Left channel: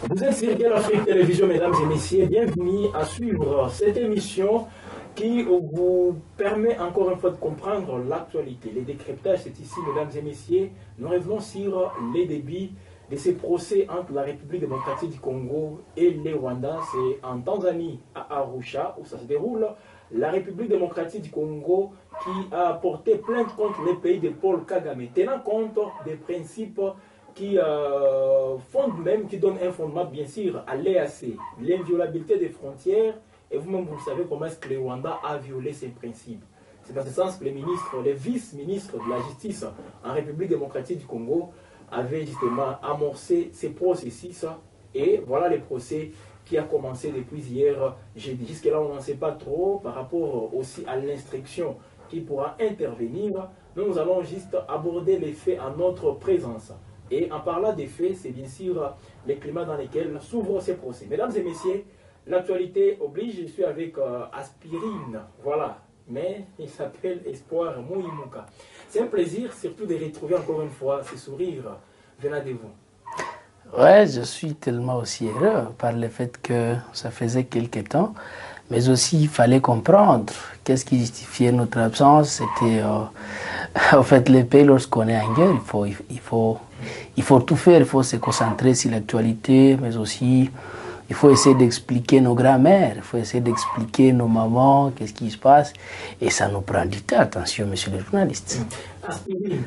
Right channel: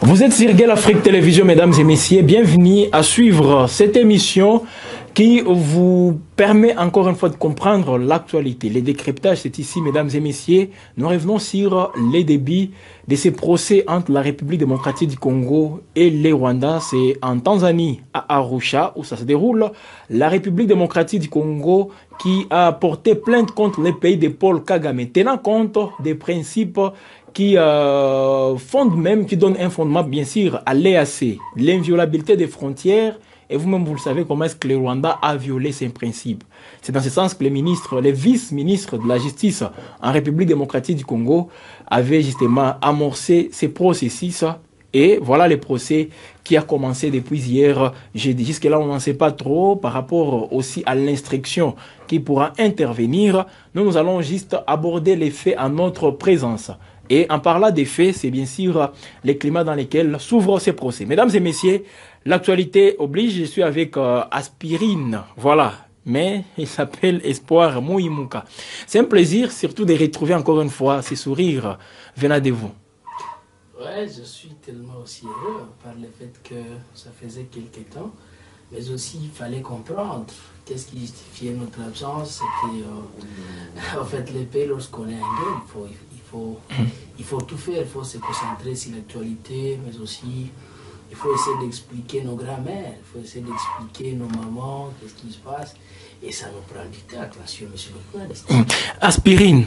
Vous êtes sur Gueule Afrique Télévision, mesdames et messieurs. Bienvenue à suivre cette émission qui vous permet encore une fois de comprendre l'actualité. Les décryptages, c'est ici, mesdames et messieurs. Nous revenons sur les débits de ces procès entre la République démocratique du Congo et les Rwandais. C'est en Tanzanie, à Arusha, où ça se déroule. La République démocratique du Congo qui a porté plainte contre les pays de Paul Kagame, tenant compte des principes qui fondent même, qui donnent un fondement bien sûr à l'EAC, l'inviolabilité des frontières. Et vous-même, vous le savez comment est-ce que le Rwanda a violé ces principes. C'est dans ce sens que les vice-ministres de la justice en République démocratique du Congo avaient justement amorcé ces processus. Et voilà le procès qui a commencé depuis hier jeudi. Jusque-là, on n'en sait pas trop par rapport aussi à l'instruction qui pourra intervenir. Nous allons juste aborder les faits en notre présence. Et en parlant des faits, c'est bien sûr les climats dans lesquels s'ouvrent ces procès. Mesdames et messieurs, l'actualité oblige, je suis avec Aspirine, voilà, mais il s'appelle Espoir Mouimouka. C'est un plaisir surtout de retrouver encore une fois ces sourires venant de vous. Ouais, je suis tellement aussi heureux par le fait que ça faisait quelque temps, mais aussi il fallait comprendre qu'est-ce qui justifiait notre absence. C'était en fait les pays lorsqu'on est en guerre, il faut tout faire, il faut se concentrer sur l'actualité, mais aussi il faut essayer d'expliquer nos grands-mères, il faut essayer d'expliquer nos mamans, qu'est-ce qui se passe, et ça nous prend du temps. Attention, monsieur le journaliste. Aspirine.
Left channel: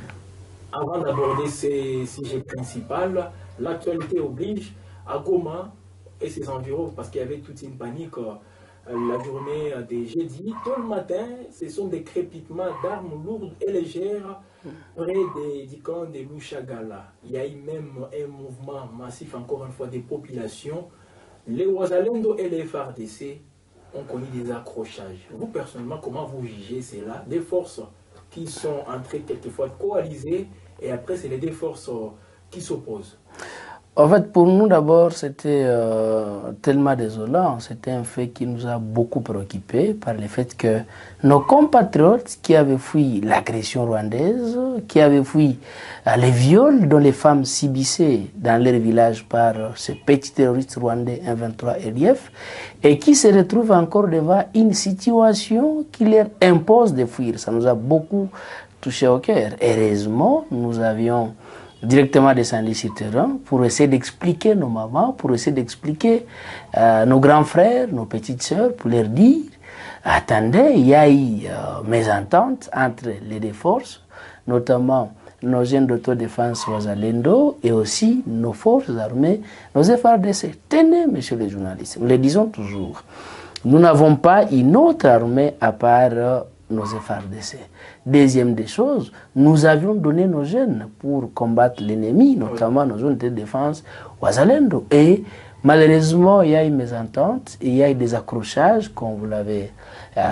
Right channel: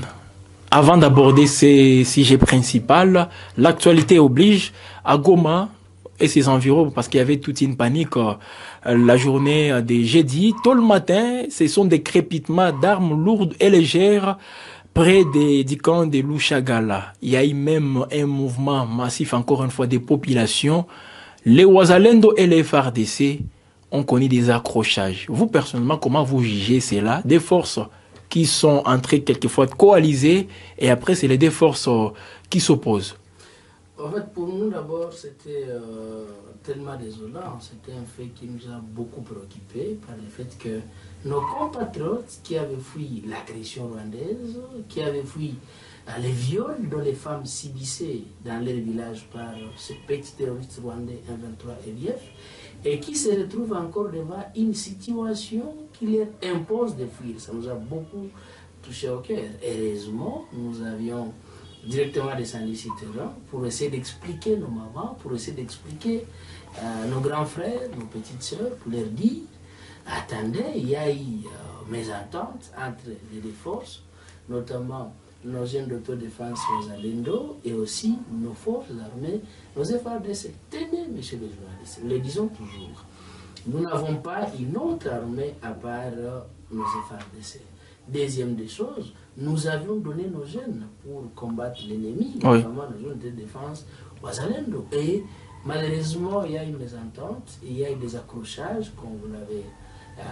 Avant d'aborder ces sujets principaux, l'actualité oblige à Goma et ses environs, parce qu'il y avait toute une panique la journée de jeudi. Tôt le matin, ce sont des crépitements d'armes lourdes et légères près du camp de Lushagala. Il y a eu même un mouvement massif, encore une fois, des populations. Les Wazalendo et les FARDC ont connu des accrochages. Vous, personnellement, comment vous jugez cela? Des forces qui sont entrées quelquefois coalisées et après, c'est les deux forces qui s'opposent. En fait, pour nous, d'abord, c'était tellement désolant. C'était un fait qui nous a beaucoup préoccupés par le fait que nos compatriotes qui avaient fui l'agression rwandaise, qui avaient fui les viols dont les femmes subissaient dans leur village par ces petits terroristes rwandais M23 RDF, et qui se retrouvent encore devant une situation qui leur impose de fuir. Ça nous a beaucoup touché au cœur. Heureusement, nous avions directement descendu sur le terrain pour essayer d'expliquer nos mamans, pour essayer d'expliquer nos grands frères, nos petites sœurs, pour leur dire attendez, il y a eu mésentente entre les deux forces, notamment nos jeunes d'autodéfense Wazalendo et aussi nos forces armées, nos FARDC. Tenez, monsieur le journaliste, nous le disons toujours, nous n'avons pas une autre armée à part nos FARDC. Deuxième des choses, nous avions donné nos jeunes pour combattre l'ennemi, notamment nos zones de défense Wazalendo. Et malheureusement, il y a eu mésentente, il y a eu des accrochages, comme vous l'avez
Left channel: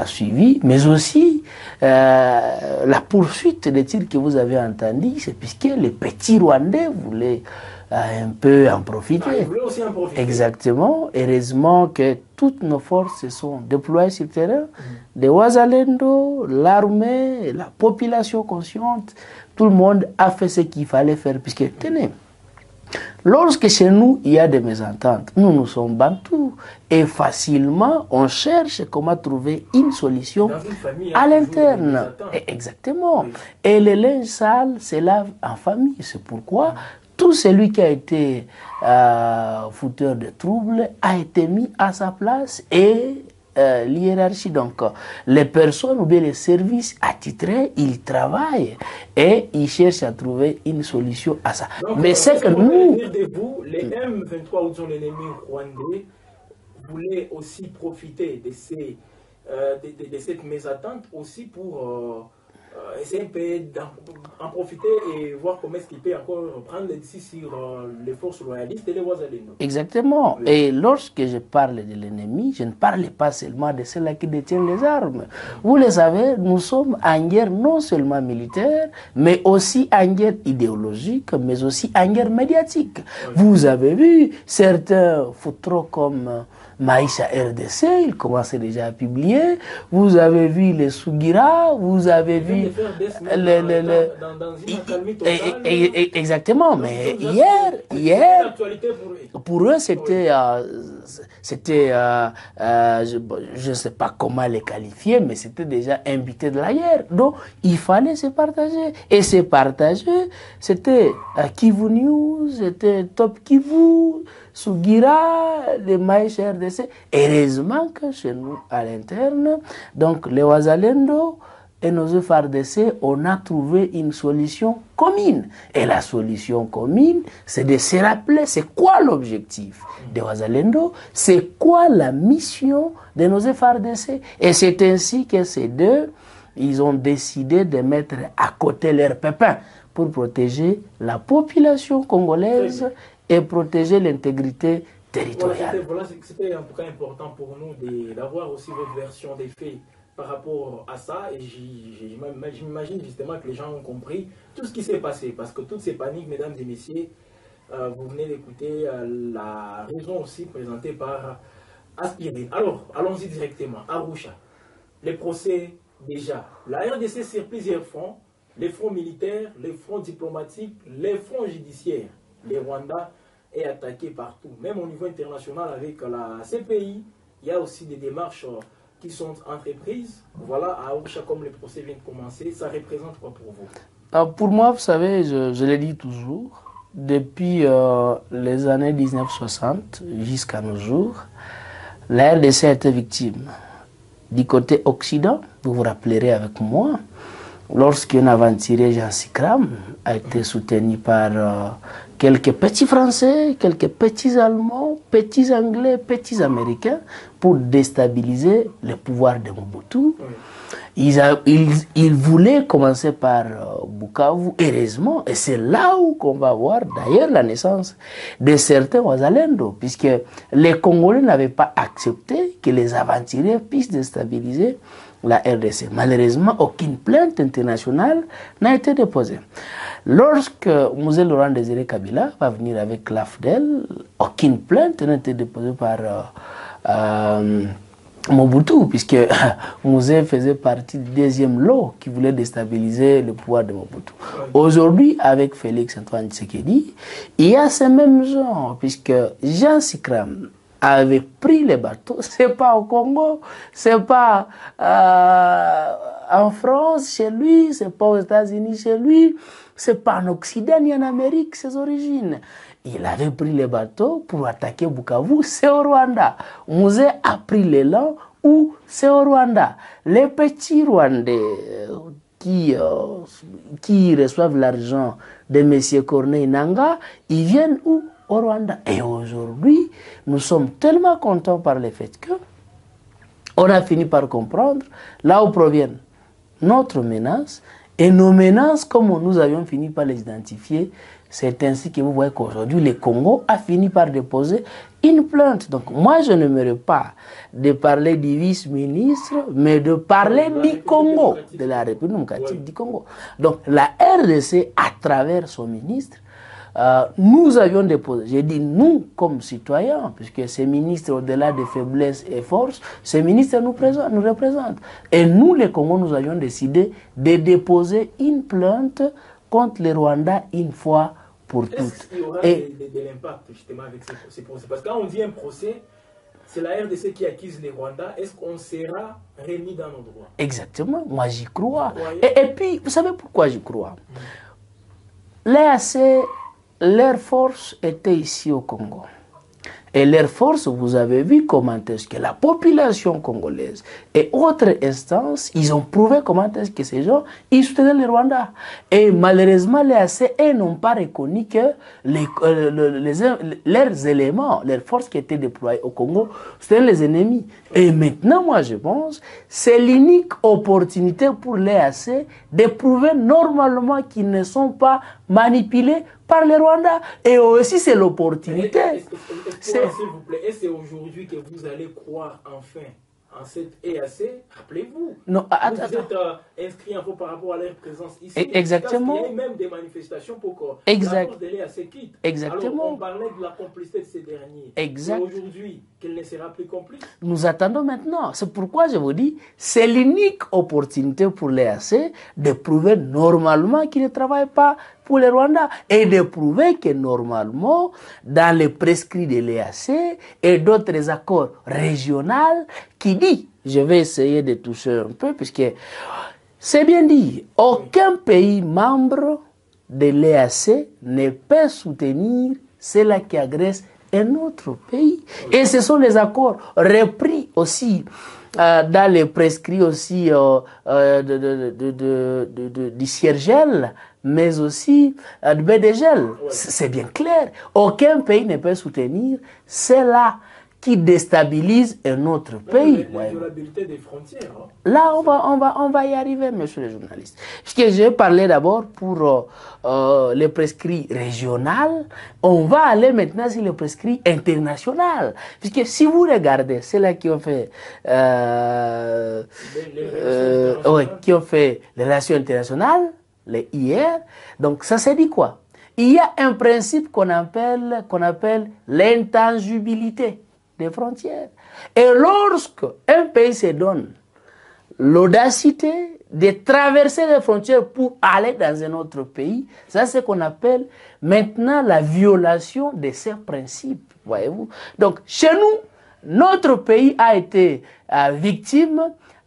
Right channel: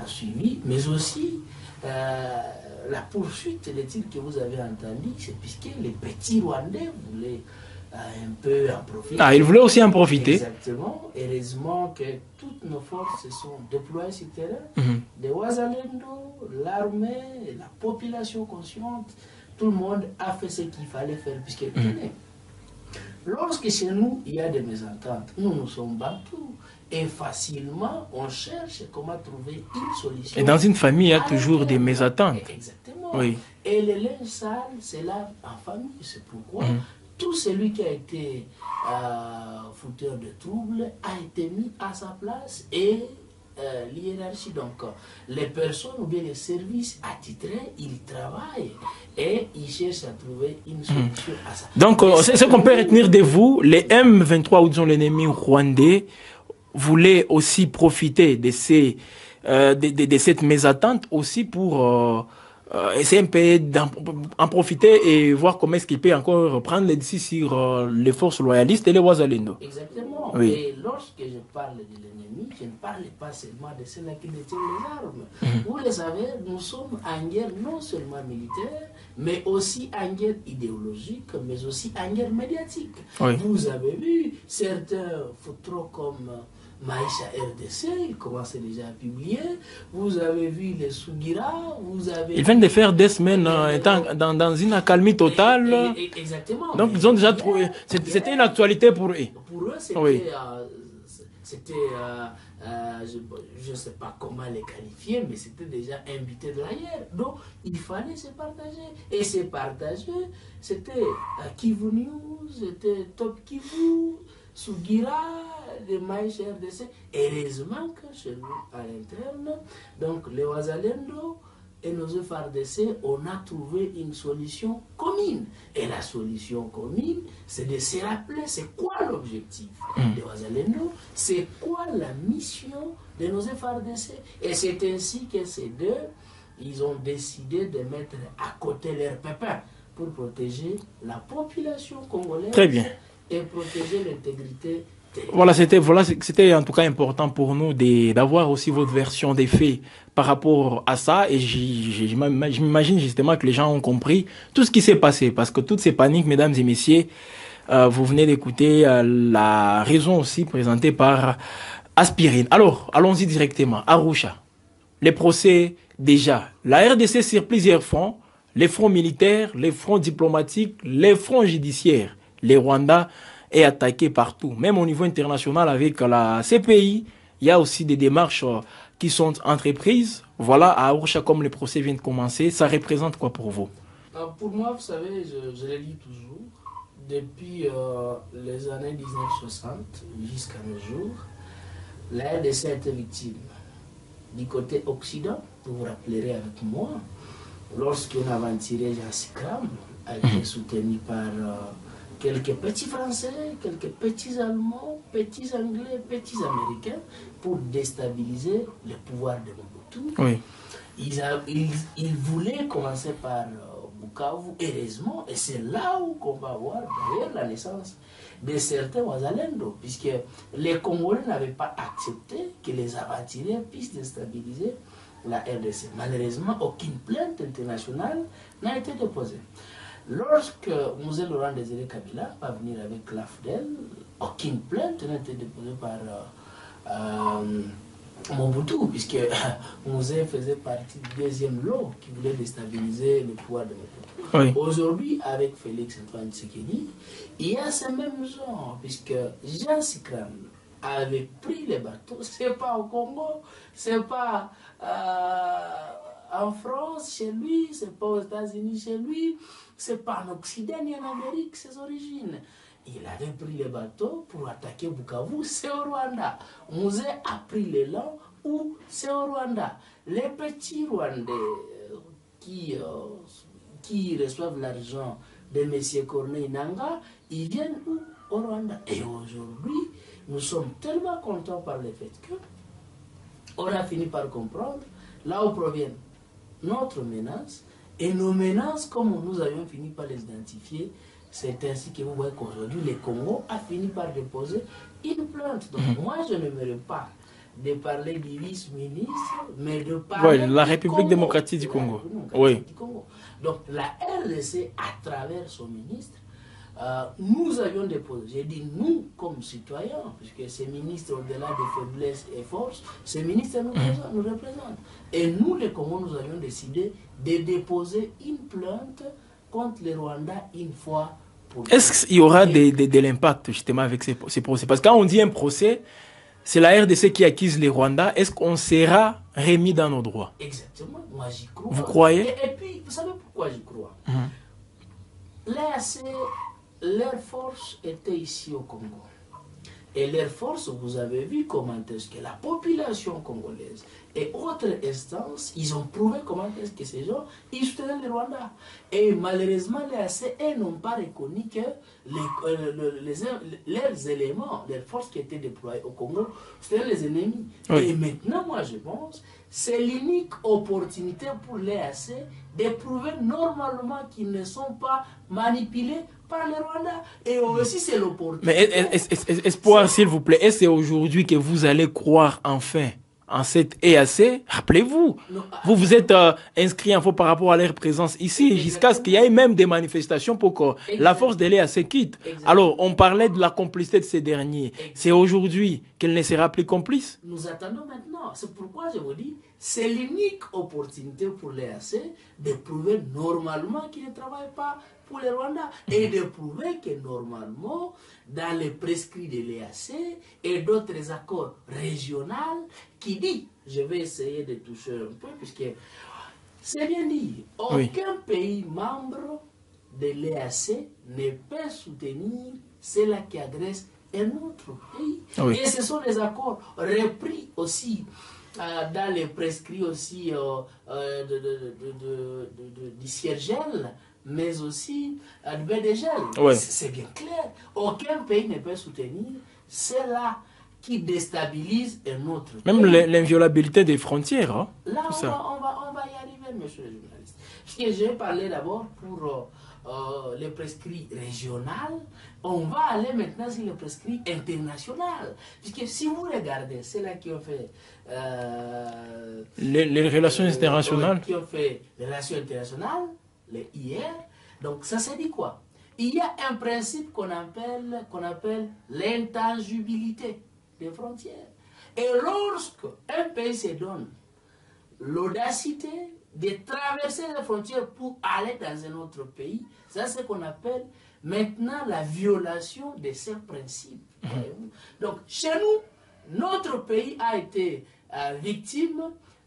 suivi, mais aussi la poursuite des tirs que vous avez entendus, c'est puisque les petits Rwandais voulaient un peu en profiter. Ah, ils voulaient aussi en profiter. Exactement. Heureusement que toutes nos forces se sont déployées sur le terrain. Des Wazalendo, l'armée, la population consciente, tout le monde a fait ce qu'il fallait faire. Puisque, tenez, lorsque chez nous, il y a des mésententes, nous sommes bantous. Et facilement, on cherche comment trouver une solution. Et dans une famille, il y a toujours des mésententes. Exactement. Oui. Et le linge sale se lave en famille. C'est pourquoi tout celui qui a été fouteur de troubles a été mis à sa place et l'hiérarchie. Donc, les personnes ou bien les services attitrés, ils travaillent et ils cherchent à trouver une solution à ça. Donc, c'est ce qu'on peut retenir de vous. Les M23, ou disons l'ennemi rwandais, voulaient aussi profiter de cette mésattente aussi pour essayer un peu d'en profiter et voir comment est-ce qu'il peut encore prendre les décisions sur les forces loyalistes et les Wazalendo. Exactement. Oui. Et lorsque je parle de l'ennemi, je ne parle pas seulement de ceux-là qui détiennent les armes. Vous le savez, nous sommes en guerre non seulement militaire, mais aussi en guerre idéologique, mais aussi en guerre médiatique. Oui. Vous avez vu certains foutrons comme Maïcha RDC, il commençait déjà à publier. Vous avez vu les Sugira, vous avez Ils viennent de faire des semaines dans une accalmie totale. Exactement. Donc, mais ils ont déjà trouvé. C'était une actualité pour eux. Pour eux, c'était... Oui. je ne sais pas comment les qualifier, mais c'était déjà invité de la guerre. Donc, il fallait se partager. Et se partager, c'était Kivu News, c'était Top Kivu, Sugira, les Maïch RDC. Heureusement que chez nous, à l'interne, donc les Wazalendo et nos FARDC, on a trouvé une solution commune. Et la solution commune, c'est de se rappeler c'est quoi l'objectif de Wazalendo, c'est quoi la mission de nos FARDC. Et c'est ainsi que ces deux, ils ont décidé de mettre à côté leurs pépins pour protéger la population congolaise et protéger l'intégrité territoriale. Voilà, c'était en tout cas important pour nous d'avoir aussi votre version des faits par rapport à ça. Et je m'imagine justement que les gens ont compris tout ce qui s'est passé. Parce que toutes ces paniques, mesdames et messieurs, vous venez d'écouter la raison aussi présentée par Aspirine. Alors, allons-y directement. Arusha, les procès déjà. La RDC sur plusieurs fronts, les fronts militaires, les fronts diplomatiques, les fronts judiciaires. Les Rwandais est attaqué partout. Même au niveau international avec la CPI, il y a aussi des démarches qui sont entreprises. Voilà, à Arusha, comme les procès viennent de commencer, ça représente quoi pour vous? Pour moi, vous savez, je le dis toujours, depuis les années 1960 jusqu'à nos jours, la RDC a été victime. Du côté occident, vous vous rappellerez avec moi, lorsqu'un aventurier, Jean Sikram, a été soutenu par quelques petits Français, quelques petits Allemands, petits Anglais, petits Américains, pour déstabiliser le pouvoir de Mobutu. Oui. Ils voulaient commencer par Bukavu, heureusement, et c'est là où on va voir d'ailleurs la naissance de certains Wazalendo, puisque les Congolais n'avaient pas accepté que les aventuriers puissent déstabiliser la RDC. Malheureusement, aucune plainte internationale n'a été déposée. Lorsque Mosé Laurent Désiré Kabila va venir avec l'AFDEL, aucune plainte n'a été déposée par Mobutu, puisque Mosé faisait partie du deuxième lot qui voulait déstabiliser le pouvoir de Mobutu. Oui. Aujourd'hui, avec Félix Antoine Tshisekedi, il y a ce même genre, puisque Jean Sikram avait pris les bateaux, c'est pas au Congo, c'est pas en France chez lui, c'est pas aux États-Unis chez lui, c'est pas en Occident ni en Amérique ses origines. Il avait pris les bateaux pour attaquer Bukavu, c'est au Rwanda. Mosé a pris l'élan où c'est au Rwanda. Les petits Rwandais qui reçoivent l'argent de M. Corneille Nangaa, ils viennent où? Au Rwanda. Et aujourd'hui, nous sommes tellement contents par le fait que on a fini par comprendre là où proviennent notre menace et nos menaces, comme nous avions fini par les identifier. C'est ainsi que vous voyez qu'aujourd'hui, le Congo a fini par déposer une plainte. Donc moi, je n'aimerais pas de parler du vice-ministre, mais de parler de la du République Congo, démocratique de la du Congo. République démocratique Oui. du Congo. Donc la RDC, à travers son ministre, nous avions déposé, j'ai dit nous comme citoyens, puisque ces ministres, au-delà des faiblesses et forces, ces ministres nous représentent. Et nous, les Congos, nous avions décidé de déposer une plainte contre les Rwandais une fois pour toutes. Est-ce qu'il y aura de l'impact justement avec ces procès? Parce que quand on dit un procès, c'est la RDC qui accuse les Rwandais. Est-ce qu'on sera remis dans nos droits? Exactement, moi j'y crois. Vous croyez? Et puis, vous savez pourquoi j'y crois? L'EAC, leur force était ici au Congo. Et leur force, vous avez vu comment est-ce que la population congolaise et autres instances, ils ont prouvé comment est-ce que ces gens, ils soutenaient les Rwandais. Et malheureusement, les ACE n'ont pas reconnu que leurs éléments, leurs forces qui étaient déployées au Congo, c'était les ennemis. Oui. Et maintenant, moi, je pense, c'est l'unique opportunité pour les AC de prouver normalement qu'ils ne sont pas manipulés par les Rwandais. Et aussi, c'est l'opportunité. Mais espoir, s'il vous plaît, est-ce que c'est aujourd'hui que vous allez croire enfin en cette EAC, rappelez-vous, vous êtes inscrit en faux par rapport à leur présence ici, jusqu'à ce qu'il y ait même des manifestations pour que la force de l'EAC quitte. Alors, on parlait de la complicité de ces derniers. C'est aujourd'hui qu'elle ne sera plus complice. Nous attendons maintenant. C'est pourquoi je vous dis, c'est l'unique opportunité pour l'EAC de prouver normalement qu'ils ne travaillent pas pour le Rwanda et de prouver que normalement, dans les prescrits de l'EAC et d'autres accords régionaux, qui dit, je vais essayer de toucher un peu, puisque c'est bien dit, aucun pays membre de l'EAC ne peut soutenir cela qui agresse un autre pays. Et ce sont les accords repris aussi dans les prescrits aussi du Ciergel, mais aussi du BDGEL. C'est bien clair. Aucun pays ne peut soutenir cela qui déstabilise un autre pays. Même l'inviolabilité des frontières. Hein? Là, on va y arriver, monsieur le journaliste. Parce que j'ai parlé d'abord pour les prescrits régionaux. On va aller maintenant sur les prescrits internationaux. Puisque si vous regardez, c'est là qui ont fait... les relations internationales. Qui ont fait les relations internationales, les IR. Donc, ça s'est dit quoi? Il y a un principe qu'on appelle l'intangibilité des frontières. Et lorsque un pays se donne l'audacité de traverser les frontières pour aller dans un autre pays, ça c'est ce qu'on appelle maintenant la violation de ces principes. Voyez-vous? Donc, chez nous, notre pays a été victime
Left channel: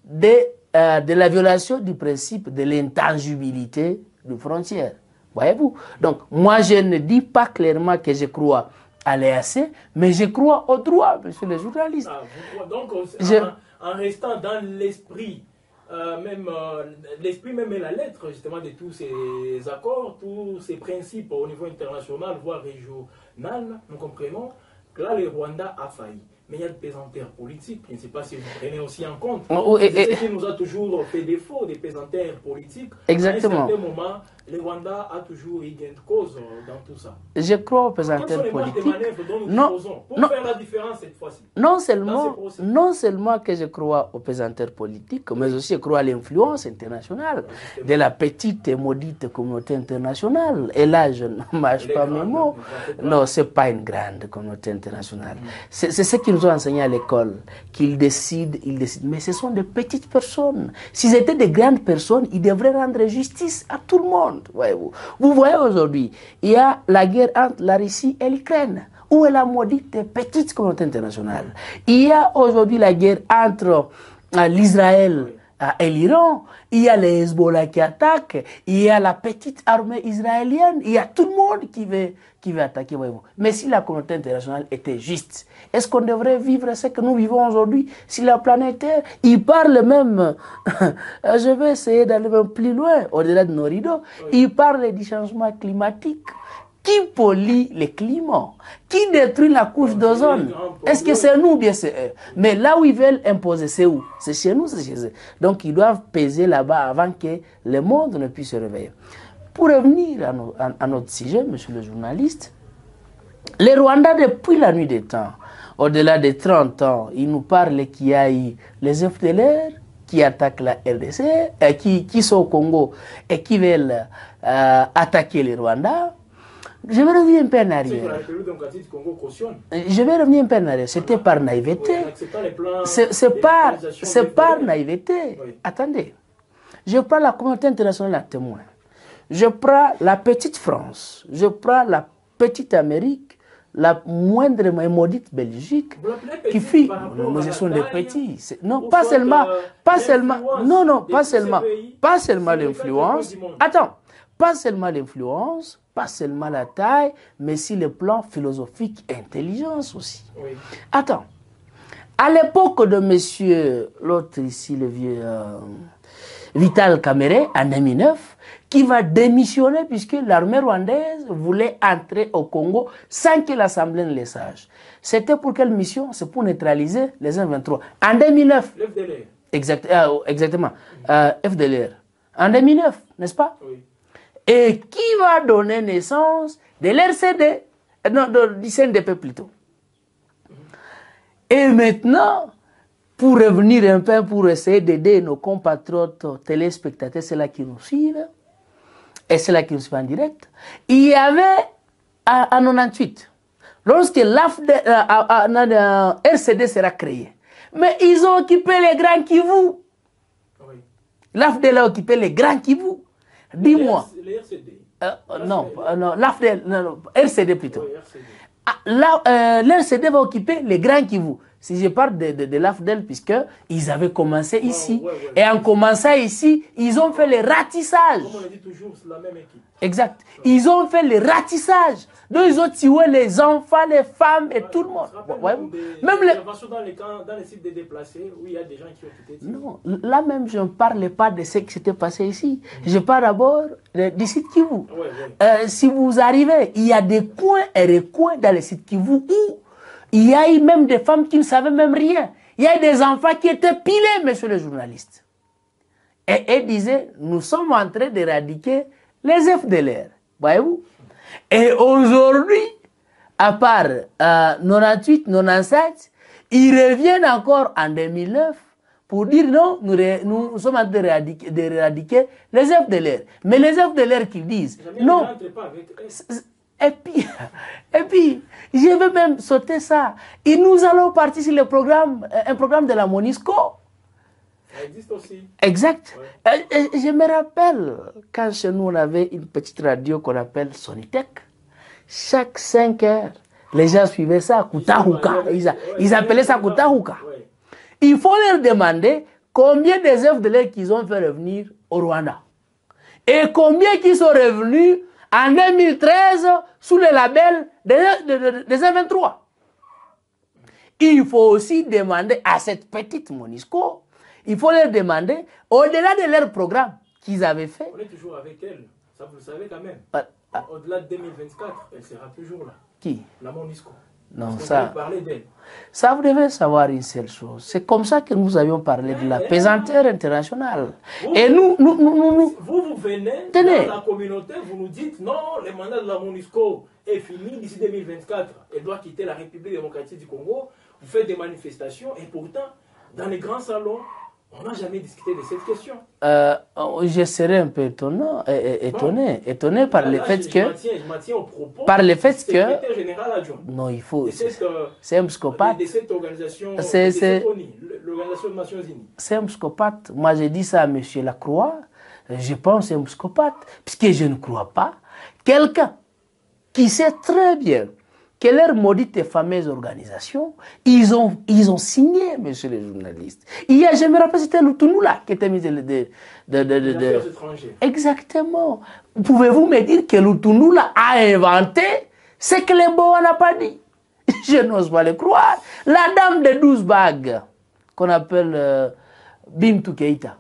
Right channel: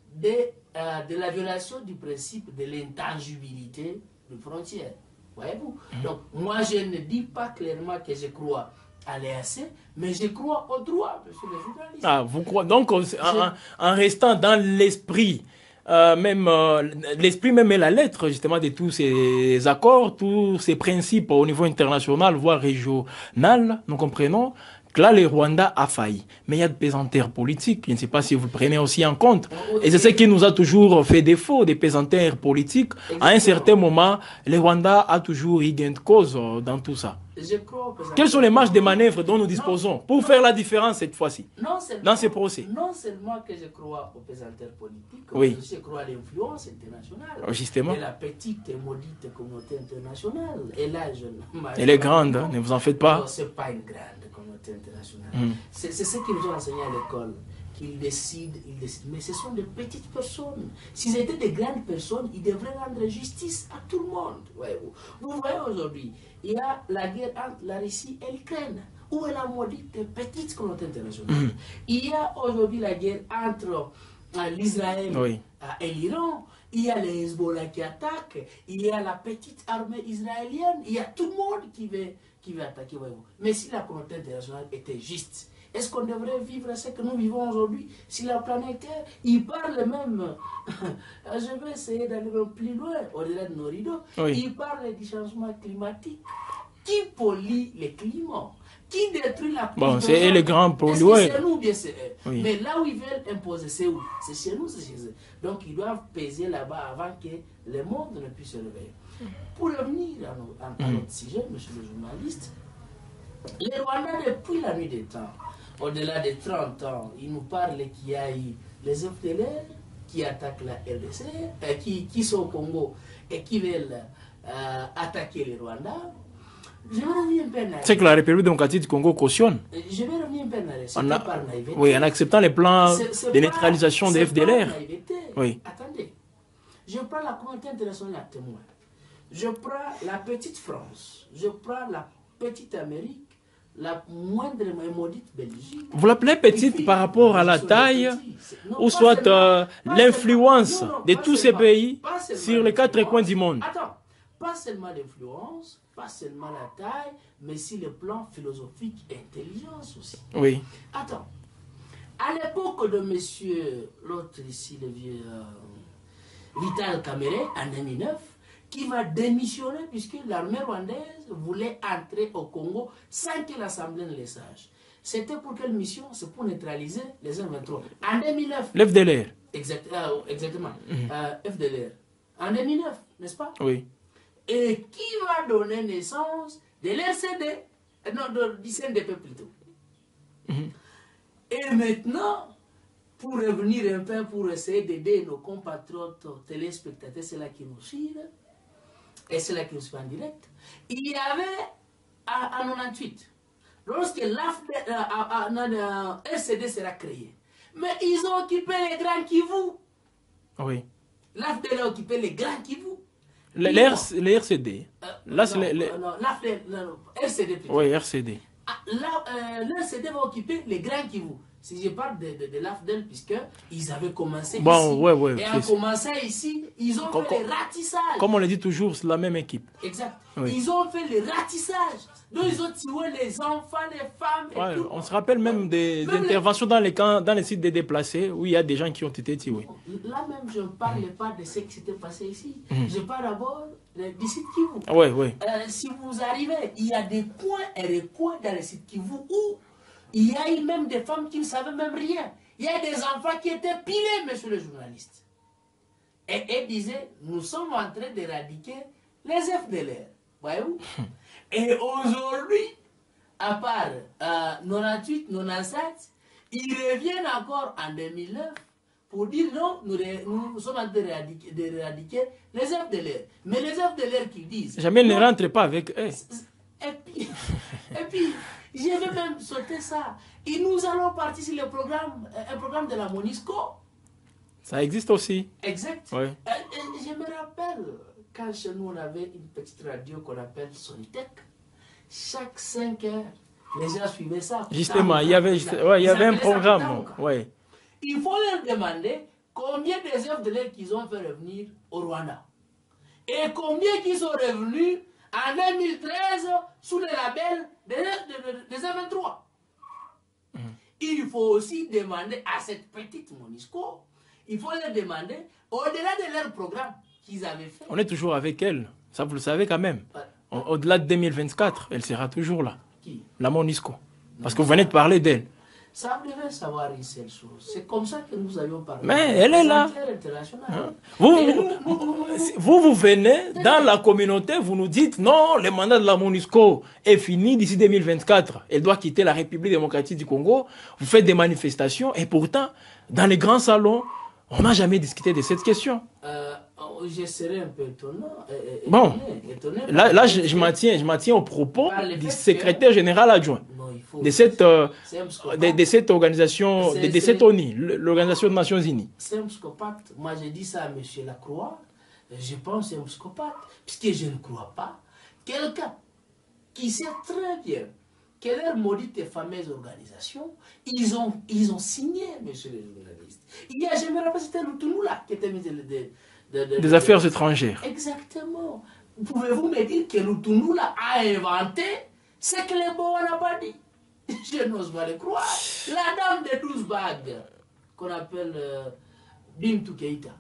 de la violation du principe de l'intangibilité des frontières. Voyez-vous? Donc, moi, je ne dis pas clairement que je crois à l'EAC, mais je crois au droit, monsieur le journaliste. Ah, vous croyez donc, en restant dans l'esprit, l'esprit même et la lettre, justement, de tous ces accords, tous ces principes au niveau international, voire régional, nous comprenons que là, le Rwanda a failli. Mais il y a de pesanteurs politiques. Je ne sais pas si vous prenez aussi en compte. Et c'est ce qui nous a toujours fait défaut, des pesanteurs politiques. Exactement. À un certain moment, le Rwanda a toujours eu gain de cause dans tout ça. Je crois aux pesanteurs Quelles sont les marges de manœuvre dont nous disposons pour faire la différence cette fois-ci dans ces procès? Non seulement que je crois aux pesanteurs politiques, mais aussi je crois à l'influence internationale de la petite et maudite communauté internationale. Et là, je ne marche pas. Elle est grande, ne vous en faites pas. Non, ce n'est pas une grande communauté internationale. C'est ce qu'ils nous ont enseigné à l'école, qu'ils décident, mais ce sont de petites personnes. S'ils étaient de grandes personnes, ils devraient rendre justice à tout le monde. Voyez-vous. Vous voyez aujourd'hui, il y a la guerre entre la Russie et l'Ukraine, où est la maudite petite communauté internationale. Il y a aujourd'hui la guerre entre l'Israël et l'Iran, il y a les Hezbollah qui attaquent, il y a la petite armée israélienne, il y a tout le monde qui veut attaquer. Mais si la communauté internationale était juste, est-ce qu'on devrait vivre ce que nous vivons aujourd'hui si la planète Terre, il parle même, je vais essayer d'aller même plus loin, au-delà de nos rideaux, il parle du changement climatique. Qui pollue le climat? Qui détruit la couche d'ozone? Est-ce que c'est nous ou bien c'est eux? Mais là où ils veulent imposer, c'est où? C'est chez nous, c'est chez eux. Donc ils doivent peser là-bas avant que le monde ne puisse se réveiller. Pour revenir à notre sujet, monsieur le journaliste, les Rwandais, depuis la nuit des temps, au-delà de 30 ans, ils nous parlent qu'il y a eu les FDLR qui attaquent la RDC, qui sont au Congo et qui veulent attaquer les Rwandais. Je vais revenir un peu en arrière. C'est que la République démocratique du Congo cautionne. Je vais revenir un peu en arrière. C'était par naïveté. Oui, en acceptant les plans de neutralisation de l'FDLR. C'est par naïveté. Oui. Attendez. Je prends la communauté internationale à témoin. Je prends la petite France. Je prends la petite Amérique. La moindre et maudite Belgique. Vous l'appelez petite par rapport à la taille ou soit l'influence de tous ces pays sur les 4 coins du monde? Attends. Pas seulement l'influence, pas seulement la taille, mais aussi le plan philosophique et intelligence aussi. Oui. Attends. À l'époque de monsieur, l'autre ici, le vieux Vital Kamerhe, en 2009, qui va démissionner puisque l'armée rwandaise voulait entrer au Congo sans que l'Assemblée ne le sache. C'était pour quelle mission? C'est pour neutraliser les M23. En 2009. L'FDLR. Exactement. FDLR. En 2009, n'est-ce pas? Oui. Et qui va donner naissance de l'RCD, non, du CNDP plutôt. Et maintenant, pour revenir un peu, pour essayer d'aider nos compatriotes téléspectateurs, c'est là qui nous suivent, et c'est là qui nous suivent en direct. Il y avait en 98, lorsque RCD sera créé, mais ils ont occupé les Grands Kivu. Oui. L'AFDEL a occupé les Grands Kivu. Les RCD. RCD plutôt. Oui, RCD. L'RCD va occuper les Grands Kivu. Si je parle de l'AFDEL, puisqu'ils avaient commencé ici. Ouais, et en commençant ici, ils ont fait les ratissages. Comme on le dit toujours, c'est la même équipe. Exact. Oui. Ils ont fait les ratissages. Donc, ils ont tué les enfants, les femmes et tout le monde. On se rappelle même des interventions dans les camps, dans les sites des déplacés, où il y a des gens qui ont été tués. Non, là même, je ne parle pas de ce qui s'était passé ici. Je parle d'abord du site Kivu. Si vous arrivez, il y a des coins et des coins dans les sites Kivu où il y a eu même des femmes qui ne savaient même rien. Il y a des enfants qui étaient pilés, monsieur le journaliste. Et elles disaient, nous sommes en train d'éradiquer les FDLR. Voyez-vous? Et aujourd'hui, à part 98, 97, ils reviennent encore en 2009 pour dire non, nous sommes en train d'éradiquer les FDLR. Mais les FDLR qui disent... Jamais ne rentrez pas avec eux. Et puis, je veux même sauter ça. Et nous allons partir sur un programme de la MONUSCO. Ça existe aussi. Exact. Ouais. Je me rappelle, quand chez nous, on avait une petite radio qu'on appelle Sonitech. Chaque 5 heures, les gens suivaient ça. Ils appelaient ça Kutahuka. Ouais. Il faut leur demander combien des œuvres de l'air qu'ils ont fait revenir au Rwanda. Et combien qui sont revenus en 2013 sous le label des M23. Il faut aussi demander à cette petite MONUSCO, il faut leur demander, au-delà de leur programme qu'ils avaient fait. On est toujours avec elle, ça vous le savez quand même. Au-delà de 2024, elle sera toujours là. Qui? La MONUSCO. Non, parce que vous venez de parler d'elle. Ça, vous devez savoir une seule chose. C'est comme ça que nous avions parlé de la pesanteur internationale. Vous venez dans la communauté, vous nous dites non, le mandat de la MONUSCO est fini d'ici 2024. Elle doit quitter la République démocratique du Congo. Vous faites des manifestations et pourtant, dans les grands salons, on n'a jamais discuté de cette question. Je serais un peu étonné par là, je m'en tiens au propos par du secrétaire général adjoint non, il faut, de cette organisation, de cette ONU, l'Organisation des Nations Unies. C'est un psychopathe. Moi, j'ai dit ça à M. Lacroix. Je pense que c'est un psychopathe. Puisque je ne crois pas. Quelqu'un qui sait très bien que leur maudite et fameuse organisation, ils ont signé, monsieur le journaliste. Je me rappelle, c'était Lutunula qui était ministre des Affaires étrangères. Exactement. Pouvez-vous me dire que Lutunula a inventé ce que les Boa n'a pas dit? Je n'ose pas le croire. La dame de 12 bagues, qu'on appelle Bintou Keïta.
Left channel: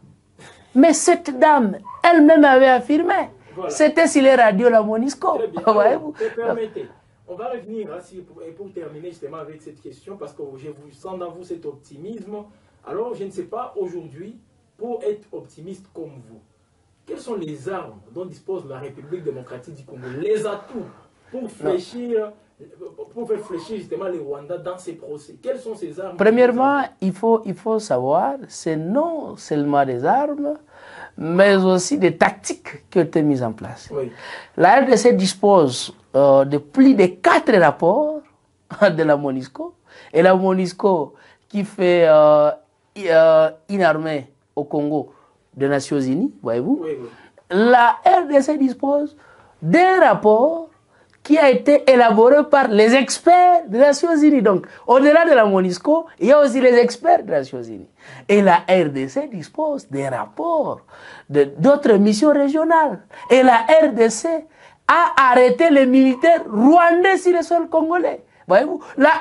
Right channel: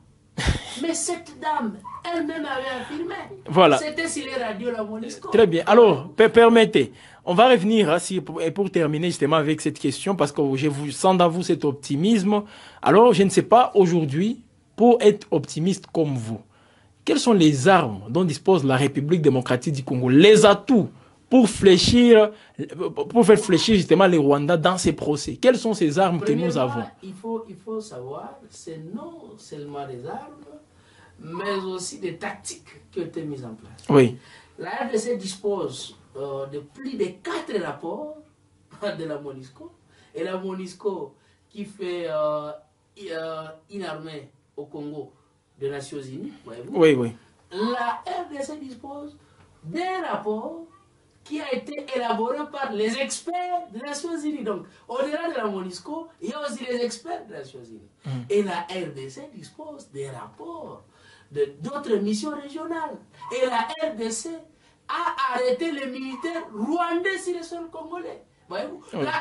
Mais cette dame, elle-même avait affirmé. Voilà. C'était sur les radios la MONUSCO. Très bien. Alors, permettez. On va revenir, pour terminer justement avec cette question, parce que je vous sens dans vous cet optimisme. Alors, je ne sais pas, aujourd'hui, pour être optimiste comme vous, quelles sont les armes dont dispose la République démocratique du Congo, les atouts pour faire fléchir justement les Rwandais dans ces procès? Quelles sont ces armes que nous avons? Premièrement, il faut savoir, c'est non seulement des armes, mais aussi des tactiques qui ont été mises en place. Oui. La RDC dispose de plus de 4 rapports de la MONUSCO. Et la MONUSCO qui fait une armée au Congo des Nations Unies, voyez-vous. Oui, oui. La RDC dispose d'un rapport qui a été élaboré par les experts des Nations Unies. Donc, au-delà de la MONUSCO, il y a aussi les experts des Nations Unies. Et la RDC dispose des rapports d'autres missions régionales. Et la RDC a arrêté les militaires rwandais sur le sol congolais. Voyez-vous, la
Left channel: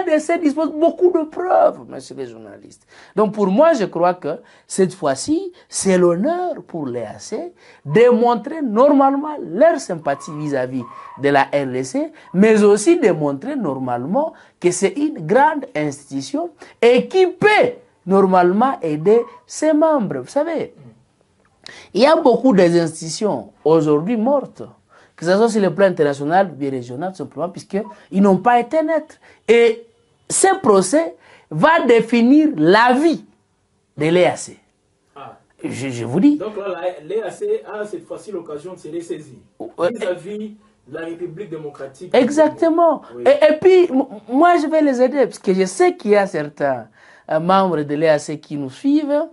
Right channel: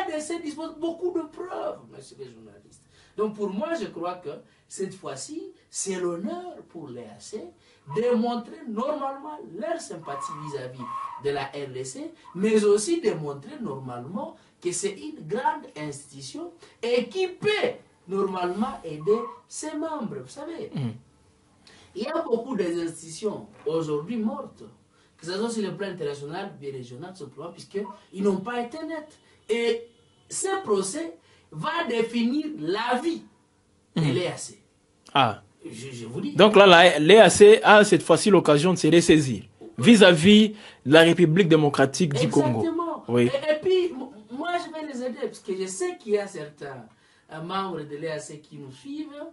RDC dispose beaucoup de preuves, monsieur les journalistes. Donc pour moi, je crois que cette fois-ci, c'est l'honneur pour l'EAC de montrer normalement leur sympathie vis-à-vis de la RDC, mais aussi de montrer normalement que c'est une grande institution et qui peut normalement aider ses membres. Vous savez, il y a beaucoup d'institutions aujourd'hui mortes, que ce soit sur le plan international ou régional, tout simplement, puisqu'ils n'ont pas été nets. Et ce procès va définir la vie de l'EAC. Ah. Je vous dis. Donc là, l'EAC a cette fois-ci l'occasion de se ressaisir vis-à-vis de la République démocratique du Exactement. Congo. Oui. Et puis, moi, je vais les aider, parce que je sais qu'il y a certains membres de l'EAC qui nous suivent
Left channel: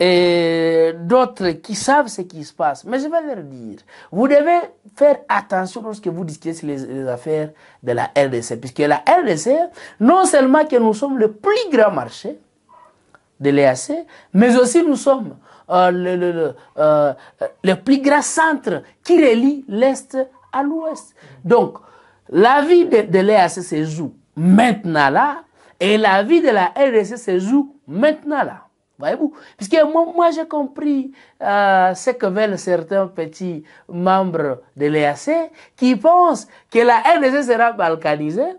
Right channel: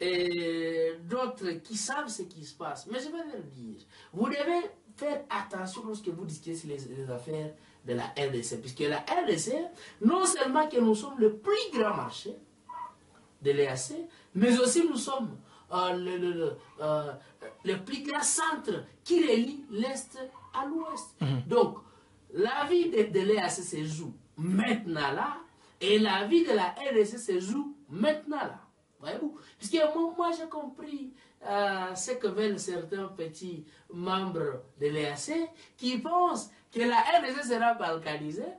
et d'autres qui savent ce qui se passe. Mais je vais leur dire, vous devez faire attention lorsque vous discutez sur les affaires de la RDC, puisque la RDC, non seulement que nous sommes le plus grand marché de l'EAC, mais aussi nous sommes le plus grand centre qui relie l'Est à l'Ouest. Donc, la vie de l'EAC se joue maintenant là, et la vie de la RDC se joue maintenant là. Voyez-vous? Puisque moi j'ai compris ce que veulent certains petits membres de l'EAC qui pensent que la RDC sera balkanisée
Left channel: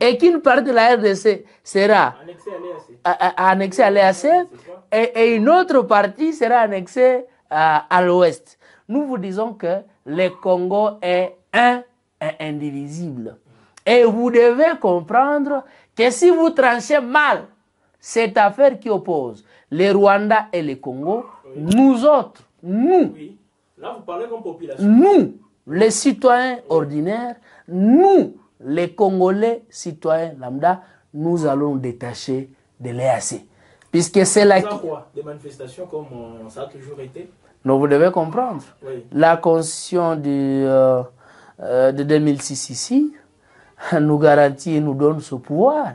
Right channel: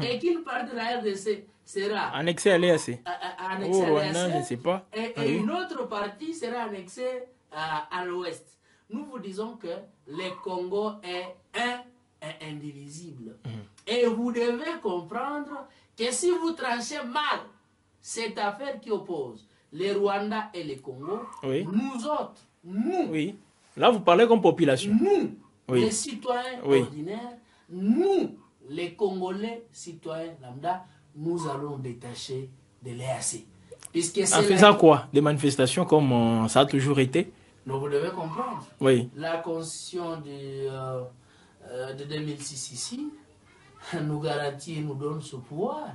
et qu'une partie de la RDC sera annexée à l'EAC. Annexée à l'EAC et une autre partie sera annexée à l'Ouest. Nous vous disons que le Congo est un et indivisible. Et vous devez comprendre que si vous tranchez mal cette affaire qui oppose les Rwandais et les Congo, nous autres, nous, là vous parlez comme population, nous, les citoyens ordinaires, nous, les Congolais citoyens lambda, nous allons détacher de l'EAC. Puisque c'est là. Quoi? Des manifestations comme ça a toujours été? Non, vous devez comprendre. La constitution de 2006 ici nous garantit et nous donne ce pouvoir,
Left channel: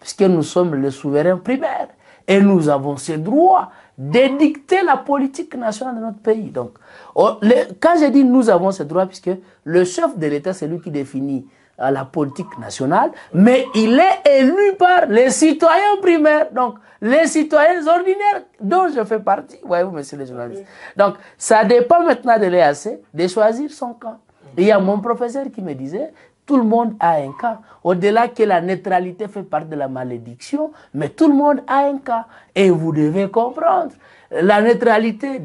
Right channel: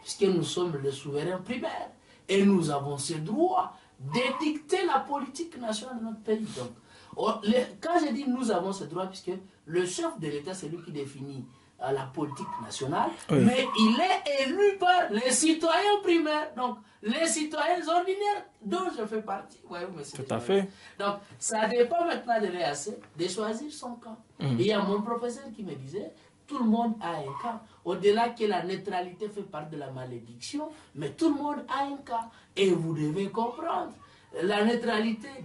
puisque nous sommes les souverains primaires. Et nous avons ce droit d'édicter la politique nationale de notre pays. Donc, quand je dis nous avons ce droit, puisque le chef de l'État, c'est lui qui définit la politique nationale, mais il est élu par les citoyens primaires, donc les citoyens ordinaires dont je fais partie. Voyez-vous, monsieur le journaliste. Donc, ça dépend maintenant de l'EAC de choisir son camp. Il y a mon professeur qui me disait, tout le monde a un cas. Au-delà que la neutralité fait partie de la malédiction, mais tout le monde a un cas. Et vous devez comprendre, la neutralité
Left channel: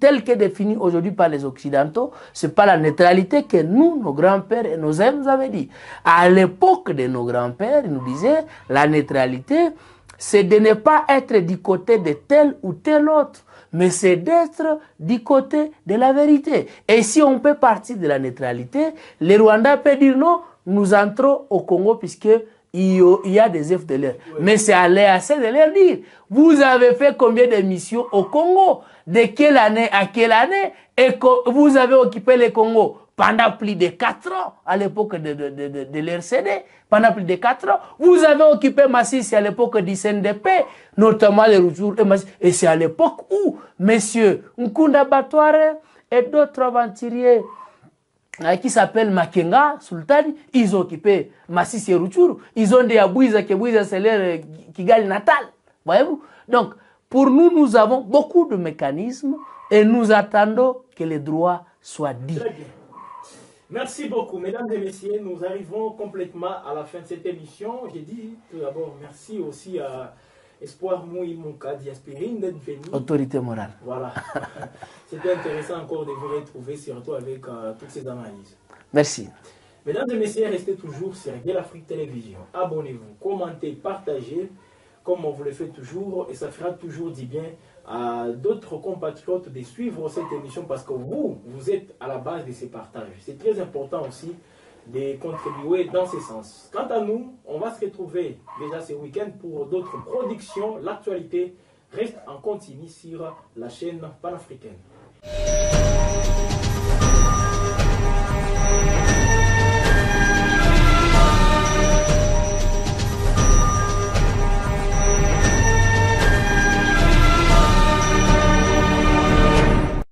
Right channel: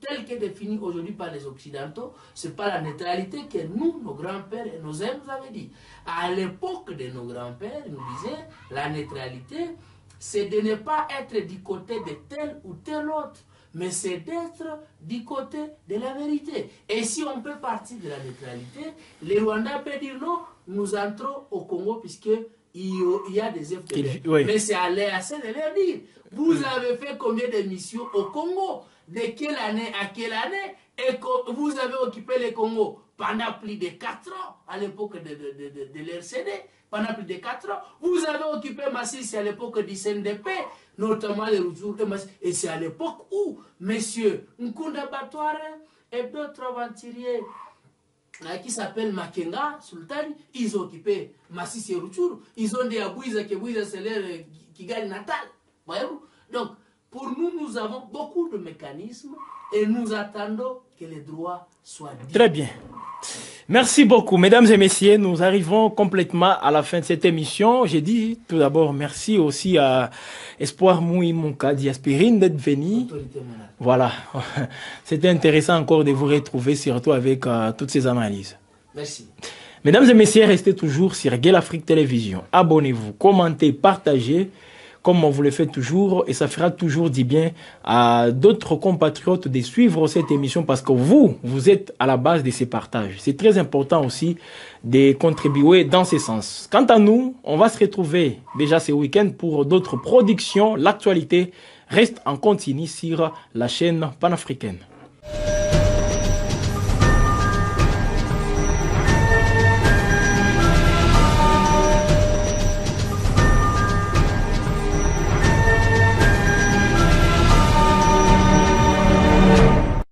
telle que définie aujourd'hui par les Occidentaux, ce n'est pas la neutralité que nous, nos grands-pères et nos aînés nous avaient dit. À l'époque de nos grands-pères, ils nous disaient, la neutralité, c'est de ne pas être du côté de tel ou tel autre, mais c'est d'être du côté de la vérité. Et si on peut partir de la neutralité, les Rwandais peuvent dire non, nous entrons au Congo puisque il y a des FDLR. Mais c'est à l'EAC de leur dire, vous avez fait combien de missions au Congo? De quelle année à quelle année? Et que vous avez occupé le Congo pendant plus de 4 ans, à l'époque de l'RCD, pendant plus de 4 ans. Vous avez occupé Massissi à l'époque du CNDP, notamment les retours. Et c'est à l'époque où, messieurs Nkunda Batware et d'autres aventuriers qui s'appellent Makenga, Sultani, ils ont occupé Massissi et Rutshuru. Ils ont dit à Bouiza que Bouiza c'est leur Kigali natal. Voyez-vous? Donc, pour nous, nous avons beaucoup de mécanismes et nous attendons que les droits soient dits. Très bien. Merci beaucoup, mesdames et messieurs. Nous arrivons complètement à la fin de cette émission. J'ai dit tout d'abord merci aussi à Espoir Moui Monka Diaspirine d'être venu. Autorité morale. Voilà. C'était intéressant encore de vous retrouver, surtout avec toutes ces analyses. Merci. Mesdames et messieurs, restez toujours sur Gueule Afrique Télévision. Abonnez-vous, commentez, partagez, comme on vous le fait toujours, et ça fera toujours du bien à d'autres compatriotes de suivre cette émission parce que vous êtes à la base de ces partages. C'est très important aussi de contribuer dans ce sens. Quant à nous, on va se retrouver déjà ce week-end pour d'autres productions. L'actualité reste en continu sur la chaîne panafricaine.